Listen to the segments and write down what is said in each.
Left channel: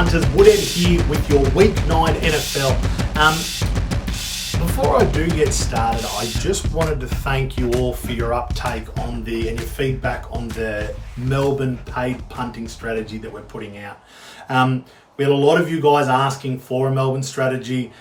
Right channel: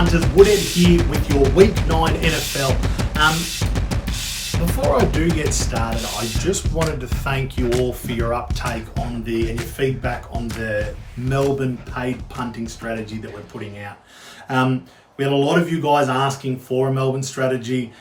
punters, Woodhead here with your Week 9 NFL. Before I do get started, I just wanted to thank you all for your uptake and your feedback on the Melbourne paid punting strategy that we're putting out. We had a lot of you guys asking for a Melbourne strategy.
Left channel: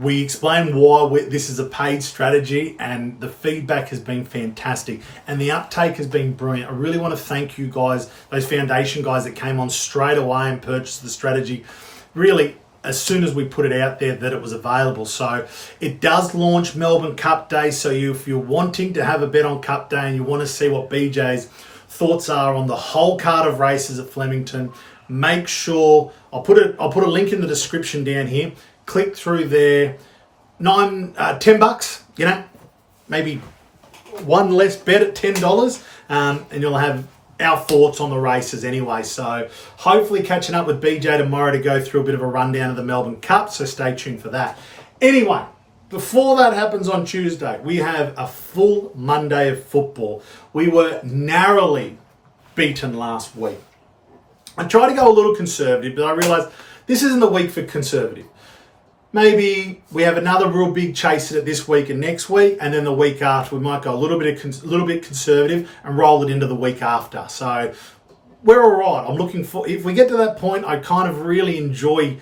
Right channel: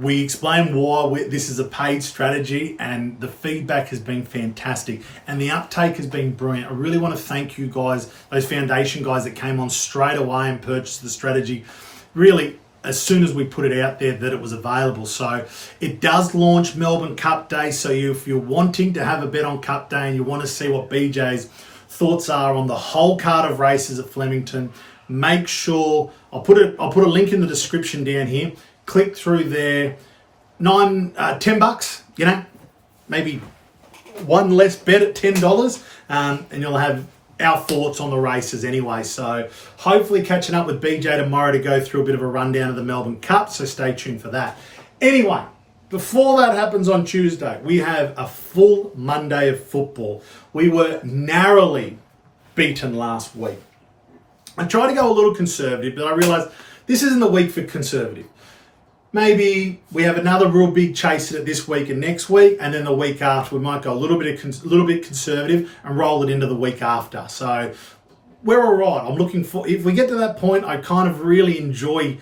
We explained why this is a paid strategy, and the feedback has been fantastic and the uptake has been brilliant. I really want to thank you guys, those foundation guys that came on straight away and purchased the strategy really as soon as we put it out there that it was available. So it does launch Melbourne Cup Day. So if you're wanting to have a bet on Cup Day and you want to see what BJ's thoughts are on the whole card of races at Flemington, make sure I'll put a link in the description down here. Click through there, $10, maybe one less bet at $10, and you'll have our thoughts on the races anyway. So hopefully catching up with BJ tomorrow to go through a bit of a rundown of the Melbourne Cup, so stay tuned for that. Anyway, before that happens on Tuesday, we have a full Monday of football. We were narrowly beaten last week. I tried to go a little conservative, but I realised this isn't the week for conservative. Maybe we have another real big chase at it this week and next week, and then the week after we might go a little bit conservative and roll it into the week after. So we're all right. I'm looking for, if we get to that point, I kind of really enjoy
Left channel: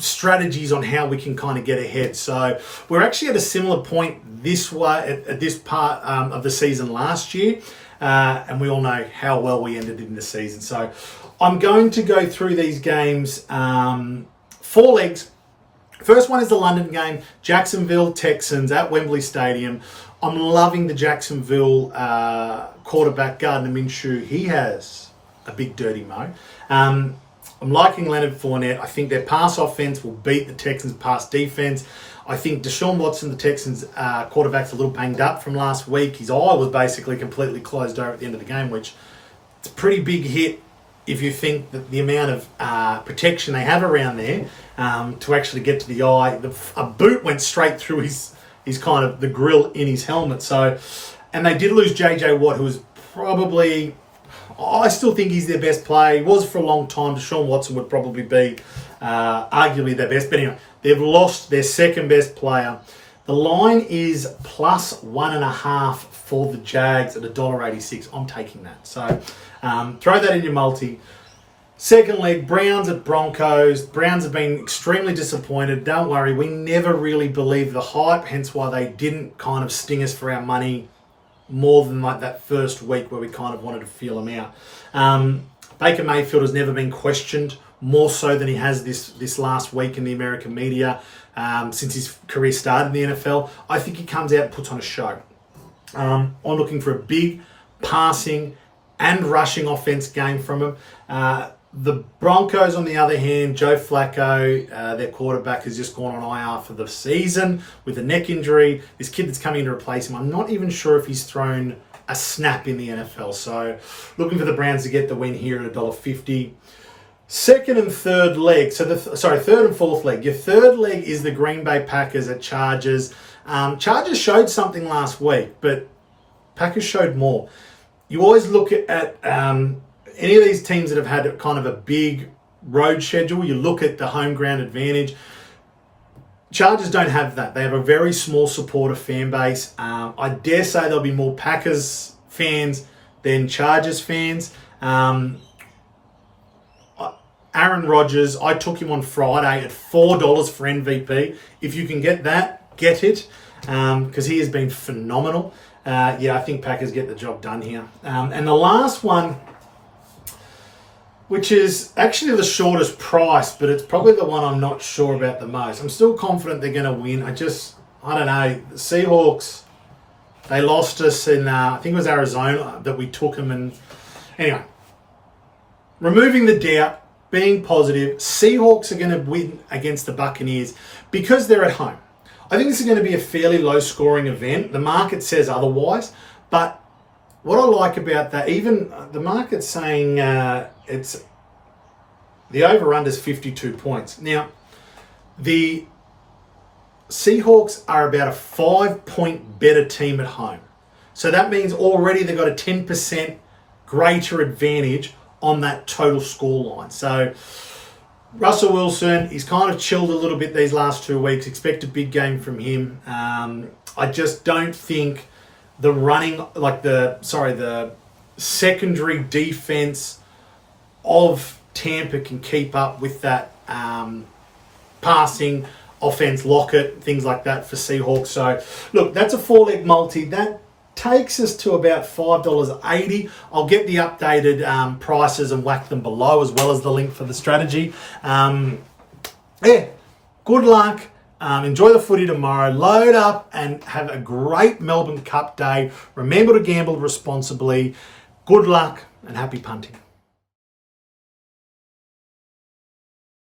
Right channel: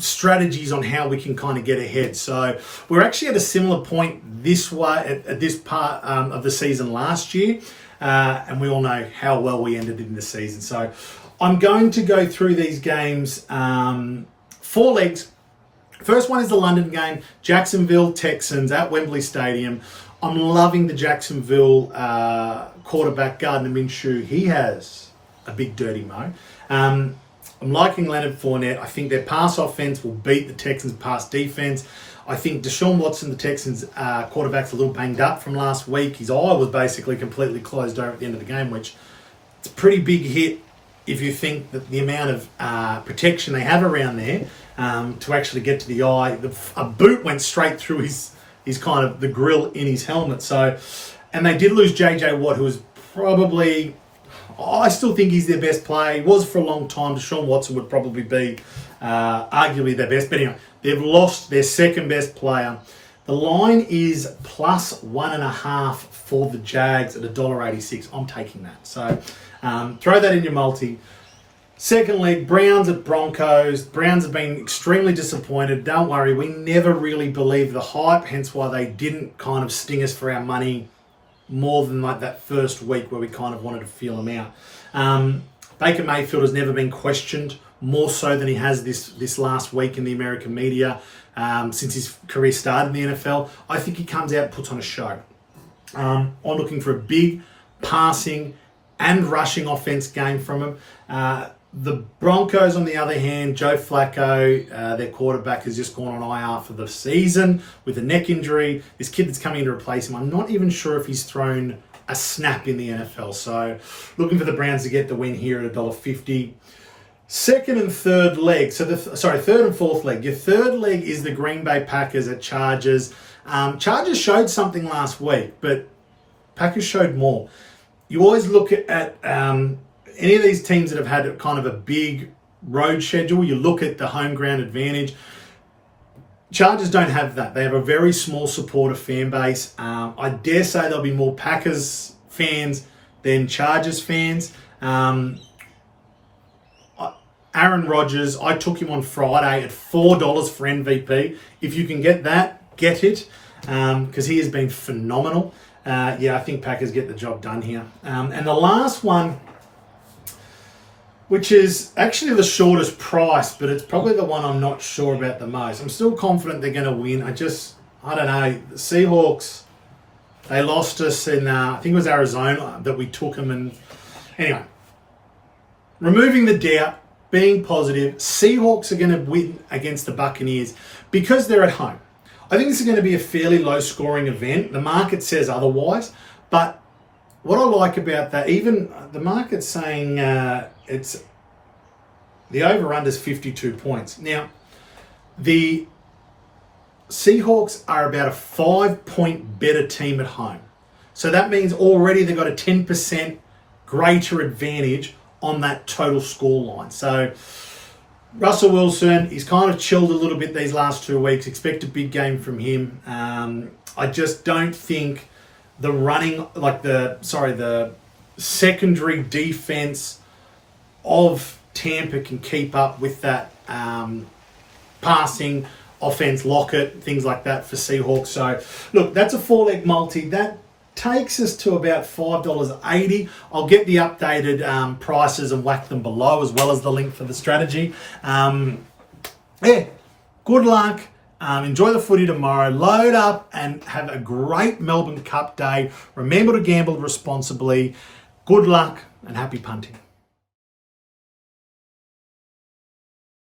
strategies on how we can kind of get ahead. So we're actually at a similar point this way at this part of the season last year, and we all know how well we ended in the season. So I'm going to go through these games, 4 legs. First one is the London game, Jacksonville Texans at Wembley Stadium. I'm loving the Jacksonville quarterback, Gardner Minshew. He has a big dirty mo. I'm liking Leonard Fournette. I think their pass offense will beat the Texans' pass defense. I think Deshaun Watson, the Texans quarterback's a little banged up from last week. His eye was basically completely closed over at the end of the game, which it's a pretty big hit if you think that the amount of protection they have around there to actually get to the eye. A boot went straight through his kind of the grill in his helmet. So, and they did lose JJ Watt, who was probably, I still think he's their best player. He was for a long time. Deshaun Watson would probably be arguably their best. But anyway, they've lost their second best player. The line is plus 1.5 for the Jags at $1.86. I'm taking that. So throw that in your multi. Second leg, Browns at Broncos. Browns have been extremely disappointed. Don't worry, we never really believed the hype, hence why they didn't kind of sting us for our money more than like that first week where we kind of wanted to feel them out. Baker Mayfield has never been questioned more so than he has this last week in the American media since his career started in the NFL. I think he comes out and puts on a show. I'm looking for a big passing and rushing offense game from him. The Broncos, on the other hand, Joe Flacco, their quarterback, has just gone on IR for the season with a neck injury. This kid that's coming in to replace him, I'm not even sure if he's thrown a snap in the NFL. So looking for the Browns to get the win here at $1.50. Second and third leg. Third and fourth leg. Your third leg is the Green Bay Packers at Chargers. Chargers showed something last week, but Packers showed more. You always look at any of these teams that have had kind of a big road schedule, you look at the home ground advantage. Chargers don't have that. They have a very small supporter fan base. I dare say there'll be more Packers fans than Chargers fans. Aaron Rodgers, I took him on Friday at $4 for MVP. If you can get that, get it, because he has been phenomenal. I think Packers get the job done here. And the last one, which is actually the shortest price, but it's probably the one I'm not sure about the most. I'm still confident they're going to win. I don't know. The Seahawks, they lost us in, I think it was Arizona that we took them. And anyway, removing the doubt, being positive, Seahawks are going to win against the Buccaneers because they're at home. I think this is going to be a fairly low-scoring event. The market says otherwise, but what I like about that, even the market's saying it's the over-under is 52 points. Now, the Seahawks are about a 5-point better team at home. So that means already they've got a 10% greater advantage on that total score line. So Russell Wilson, he's kind of chilled a little bit these last 2 weeks. Expect a big game from him. I just don't think the secondary defense of Tampa can keep up with that passing offense, Lockett, things like that for Seahawks. So, look, that's a 4-leg multi. That takes us to about $5.80. I'll get the updated prices and whack them below, as well as the link for the strategy. Good luck. Enjoy the footy tomorrow. Load up and have a great Melbourne Cup day. Remember to gamble responsibly. Good luck and happy punting.